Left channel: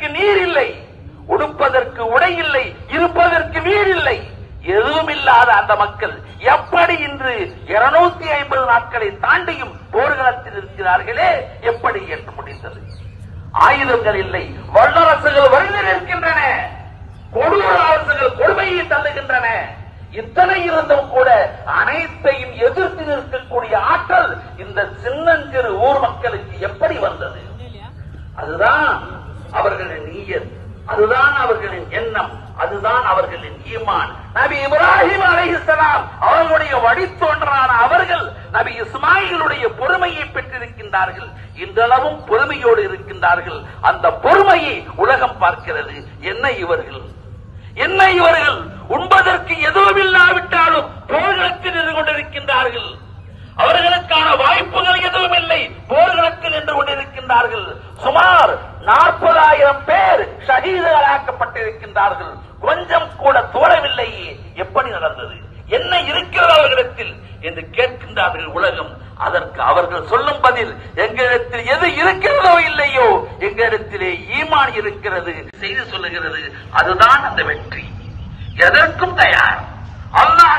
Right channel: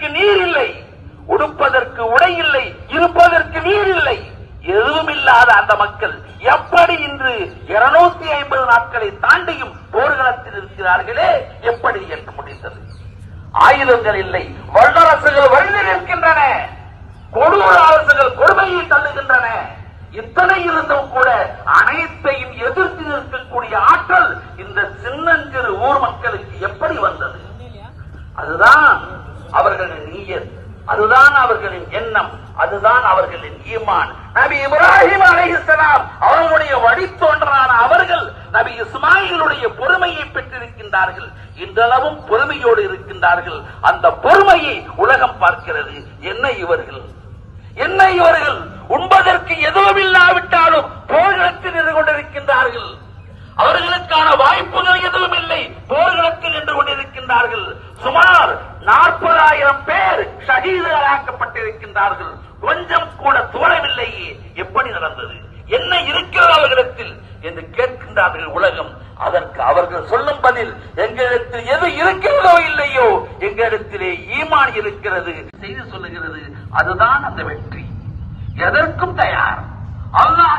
குடிப்பதற்கு நீர் இல்லை உடுப்பதற்கு உடை இல்லை இருப்பதற்கு நீர் இல்லை எதுவும் இல்லாத அந்த மக்கள் எப்படி இன்று இருநூத்தி ஐம்பது நாட்களை தாண்டியும் போர்க்களத்தில் இருக்கிறார்களே? எப்படி என்று முடிந்தது? ஆயுதங்கள் இல்லை. வல்லரசுகள் வழியில் இருக்கின்றன கொடூர அரசுகள் கொடுமையை தள்ளுகின்றன. இத்தனை இருந்தும் கூட அனைத்தையும் எதிர்த்து நிற்கக்கூடிய ஆற்றல் இந்த சின்னஞ்சிறு ஊர் மக்களுக்கு எப்படி வந்தது? அதுதான் அவர்களின் நீயத். அதுதான் அவர்களின் எண்ணம். அதுதான் அவர்களின் ஈமான். நபி இப்ராஹிம் அலைஹிஸ்ஸலாம் அவர்களுடைய வழித்தோன்றலான அவர்கள் நபி இஸ்மாயிலுடைய பொறுமையை பெற்றிருக்கின்றார்கள். இன்றளவும் பொறுமையோடு இருக்கின்றார்கள். அந்த பொறுமையை உலகம் பார்க்கிறது. என்ன இவர்கள்? என்ன இவர்கள்? உண்பதற்கு எதுவும் இல்லாவிட்டாலும் ஷஹீதுகளாக்கப்பட்டிருக்கின்றார்கள் கொஞ்சம் கூட தோழவில்லையே எப்படி நடந்தது? என்ன இருக்கிறது அவர்களிடத்தில்? என்று கேட்கின்றார்கள் உலகம். அதற்கு அவர்கள் சொல்லும் பதில் எங்களிடத்தில் எது இருக்கிறதோ இல்லையோ எங்களிடத்திலே ஈமான் இருக்கிறது. செய்து சொல்லுகிறது அதுதான் அந்த வெற்றி. எதற்கும் தயார். அல்லாஹ்